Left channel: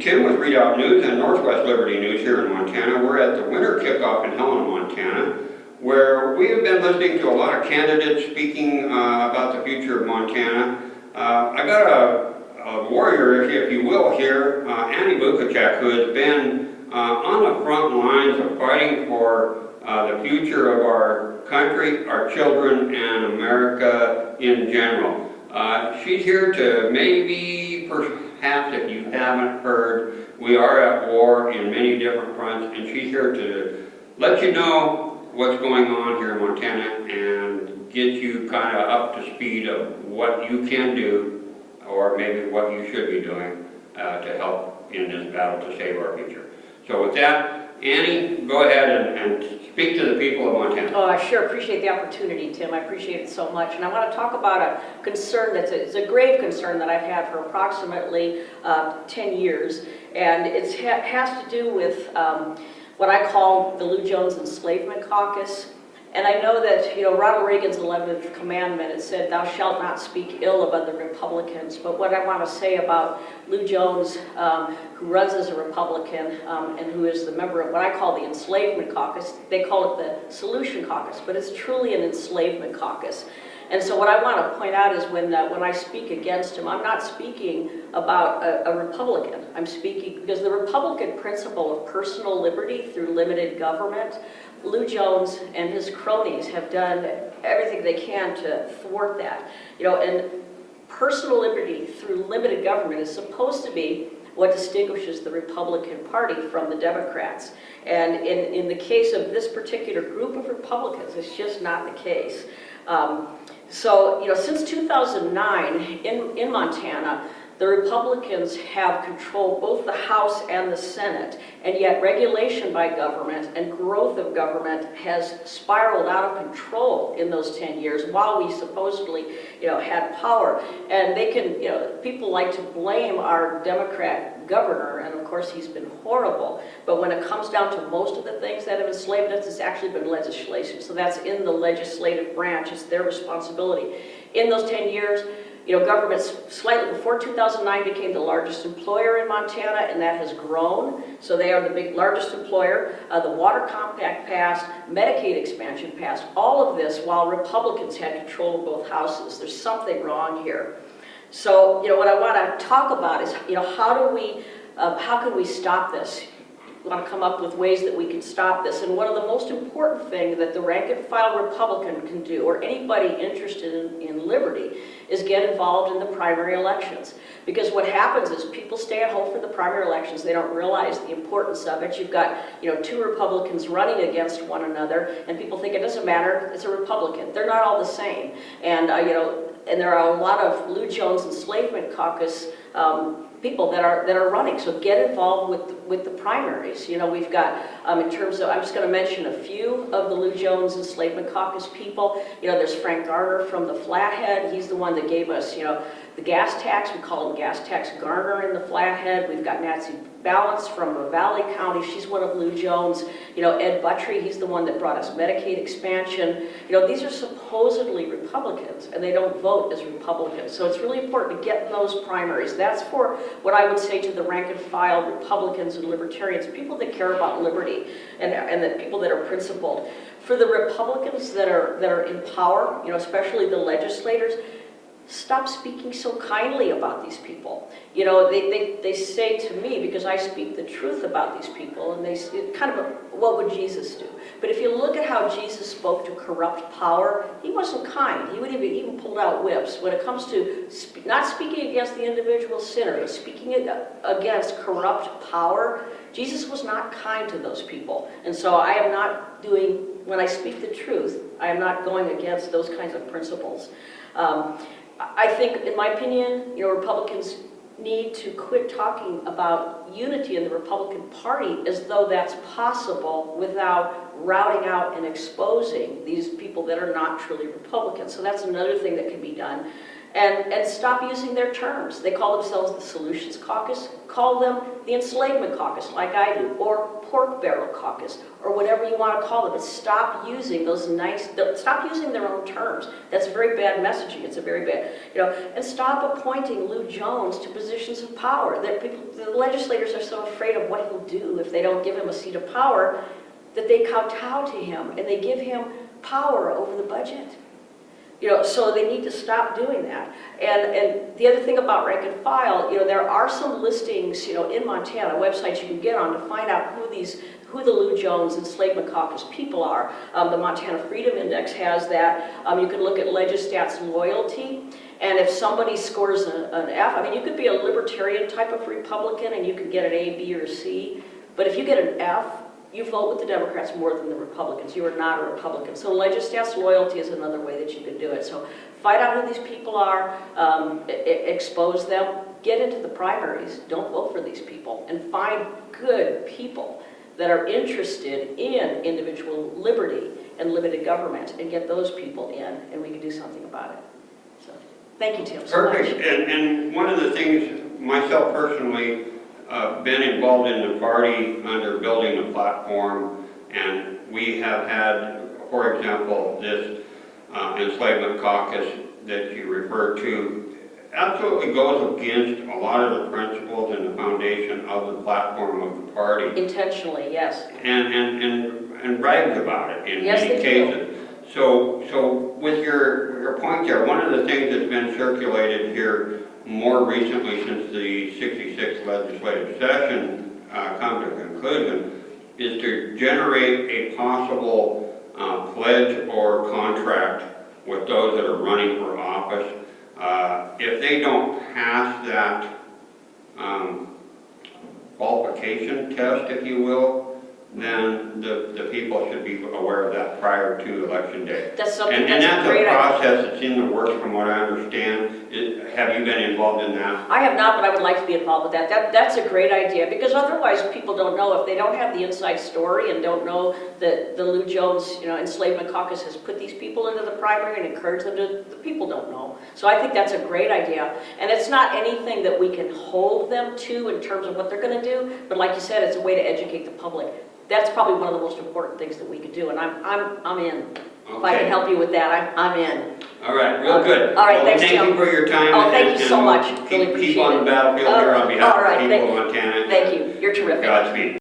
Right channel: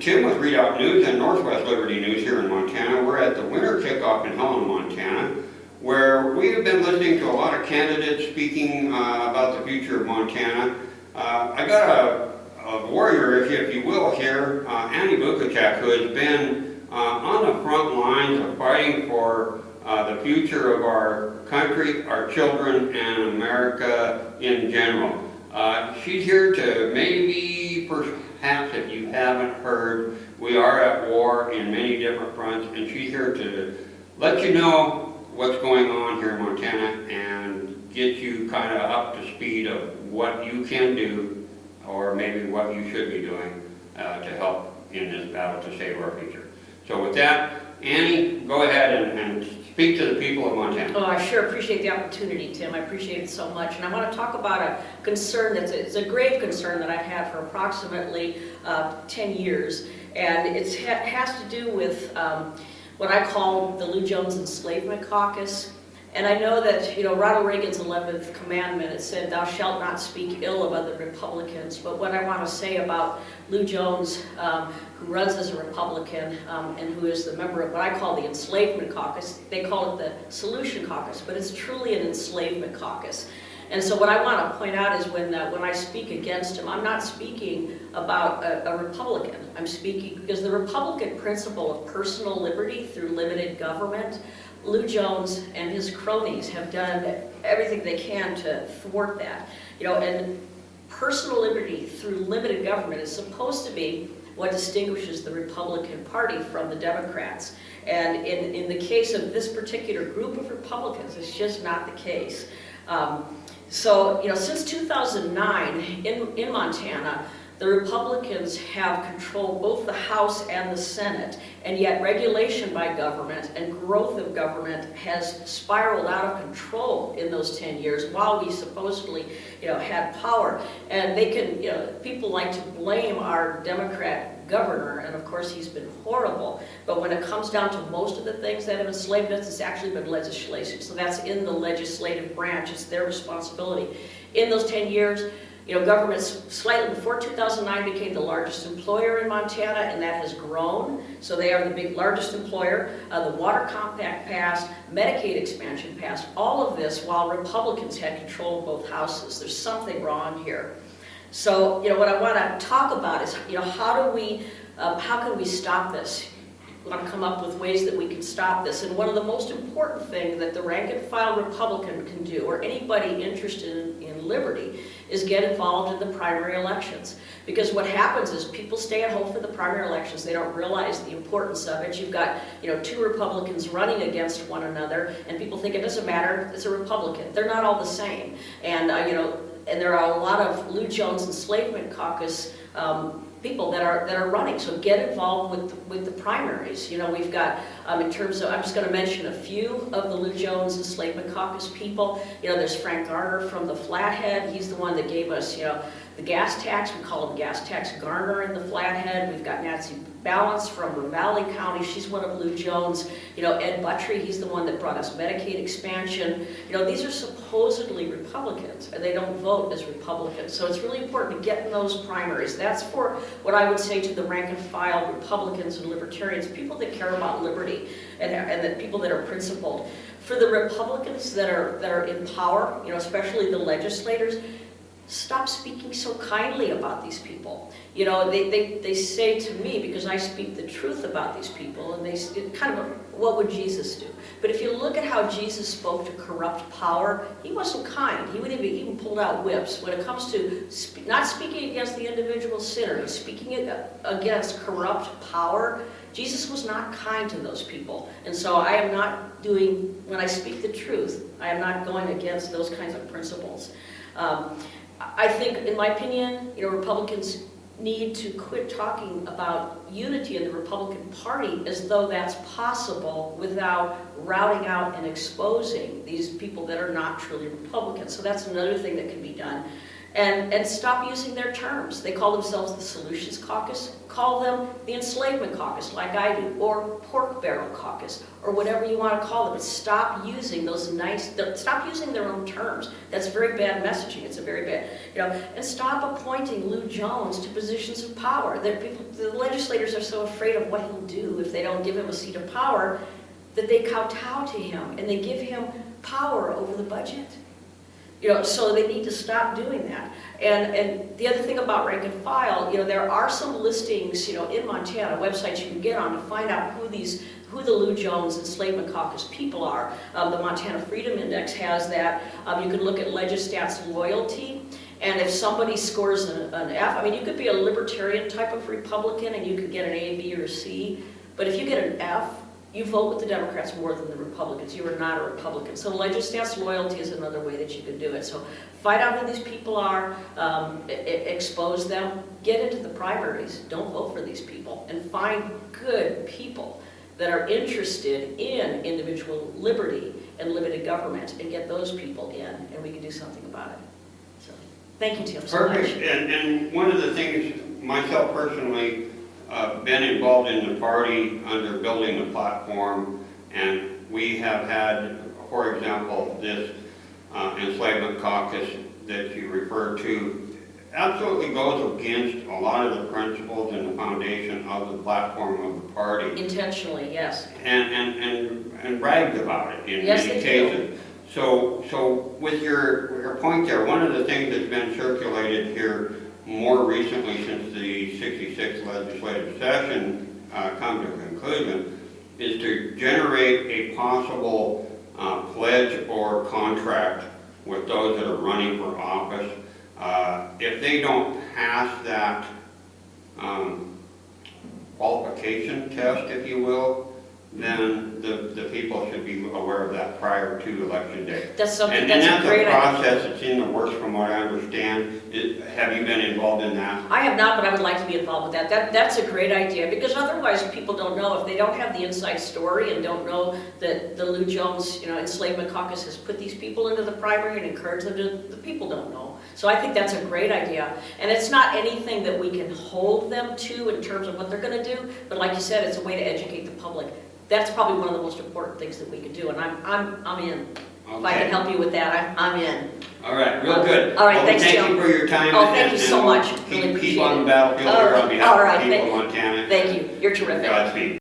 Tim with Redoubt News and Northwest Liberty News here in Montana. We're at the winter kickoff in Helena, Montana, where we have been listening to a lot of candidates speaking about the future of Montana. I got a warrior, if you will, here, Annie Bukacek, who has been on the front lines of fighting for the future of our country, our children, and America in general. She's here to maybe, perhaps if you haven't heard, we are at war in many different fronts, and she's here to let you know what's going on here in Montana and get you kind of up to speed of what you can do, or maybe what you should be doing to help in this battle to save our future. So with that, Annie, go ahead and speak to the people of Montana. Oh, I sure appreciate the opportunity, Tim. I appreciate it so much. And I want to talk about a concern it's a grave concern that I've had for approximately 10 years. And it has to do with what I call the Lou Jones Enslavement Caucus. And I know that, you know, Ronald Reagan's 11th commandment, it said, "Thou shalt not speak ill of other Republicans." But what I want to say about Lou Jones, who runs as a Republican and who is the member of what I call the Enslavement Caucus, they call it the Solution Caucus, but it's truly an enslavement caucus. And so what I want to point out is when I speak against him, I'm not speaking about a Republican. I'm speaking because the Republican principle of personal liberty through limited government, Lou Jones and his cronies have done everything they can to thwart that. You know, and personal liberty through limited government is supposed to be what distinguishes the Republican Party from the Democrats. And in the case of this particular group of Republicans, it's just not the case. So, you know, since 2009 in Montana, the Republicans have controlled both the House and the Senate, and yet regulation by government and growth of government has spiraled out of control in those 10 years while we supposedly, you know, had power. And they can, you know, people like to blame our Democrat governor, and of course he's been horrible, but when it comes down to most of the things that have enslaved us, it's actually been legislation. So that's in the legislative branch, it's their responsibility. In those 10 years, you know, government slightly before 2009 became the largest employer in Montana, and that has grown. So they are the largest employer. The Water Compact passed, Medicaid expansion passed, all of this while Republicans had control of both houses. There's something wrong here. So, you know, what I want to talk about is, you know, how can we stop this? We want to come up with ways that we can stop this. And one of the most important things that the rank and file Republican can do, or anybody interested in liberty, is get involved in the primary elections. Because what happens is people stay at home for the primary elections. They don't realize the importance of it. You've got, you know, two Republicans running against one another, and people think it doesn't matter, it's a Republican. They're not all the same. And, you know, and there are a lot of Lou Jones Enslavement Caucus people that are running. So get involved with the primaries. You know, we've got in terms of, I'm just going to mention a few of the Lou Jones Enslavement Caucus people. You know, there's Frank Garner from the Flathead. He's the one that gave us, you know, the gas tax. We call him Gas Tax Garner in the Flathead. We've got Nancy Balance from Ravalli County. She's one of Lou Jones. You know, Ed Buttrey, he's the one that brought us Medicaid expansion. You know, these are supposedly Republicans, and they don't vote as Republicans. So it's really important to get in those primaries. That's for what I would say to the rank and file Republicans and Libertarians, people that care about liberty, and the people that are principled. For the Republicans that are in power, you know, especially the legislators, stop speaking so kindly about these people. You know, they say to me, because I speak the truth about these people, and they kind of, what would Jesus do? But if you look at how Jesus spoke to corrupt power, he wasn't kind. He would even pulled out whips. When it comes to not speaking against the individual sinner, but speaking against corrupt power, Jesus was not kind to those people. And so I am not doing, when I speak the truth, I am not going against those kinds of principles. I think, in my opinion, you know, Republicans need to quit talking about unity in the Republican Party as though that's possible without routing out and exposing these people that are not truly Republicans. So that's another thing that can be done. and stop using their terms. They call themselves the Solutions Caucus. Call them the Enslavement Caucus, like I do, or Pork Barrel Caucus, or whatever you want to call them. But stop using stop using their own terms. That's very bad messaging. It's a very bad, and stop appointing Lou Jones to positions of power. The legislators are so afraid of what he'll do if they don't give him a seat of power that they kowtow to him and they give him power over the budget. So they need to stop doing that. And the other thing about rank and file, there are some listings, in Montana, websites you can get on to find out who the Lou Jones Enslavement Caucus people are. The Montana Freedom Index has that. You can look at Legistat's loyalty, and if somebody scores an F, you could be a libertarian type of Republican and you could get an A, B, or C, but if you get an F, you vote with the Democrats more than the Republicans. You are not a Republican. So Legistat's loyalty is another way that you can do it. So find out who these people are, expose them, get into the primaries, don't vote for these people, and find good people that are interested in individual liberty and limited government, and get those people in, and we can do something about it. So thank you, Tim, so much. Perfect. And one of the things, myself personally, been involved in the party under building the platform, and we have had, for example, this enslavement caucus that you referred to absolutely goes against a lot of the principles and the foundation of the platform of the party. Intentionally, yes. And brags about it in Yes, many cases. So with your point there, one of the things that's been circulated here more recently since the 66th legislative session come to conclusion is to generate a possible pledge or contract with those that are running for office. If they don't pass that qualification test, if you will, then the people should be aware of that prior to election day. That's something And that's a that's great a idea. process that's in the works from what I understand. Have you been involved in that? I have not, but I would like to be involved with that. That's a great idea, because otherwise people don't know. If they don't have the inside story and don't know that the Lou Jones, Enslavement Caucus has put these people into the primary and encouraged them to, the people don't know. So I think that's a great idea. And it's not anything that we can hold them to in terms of what they're going to do, but like you said, it's a way to educate the public. That's probably one of the most important things that we could do, and I'm in. If I can help you with that, I'm in. All right, real good. All right, Well, thanks, thank Jim. you for your time. Oh, thank you so much. Really Keep appreciate on it. the battlefield here on behalf All of right, the people of Montana. Thank you. You're terrific. Godspeed.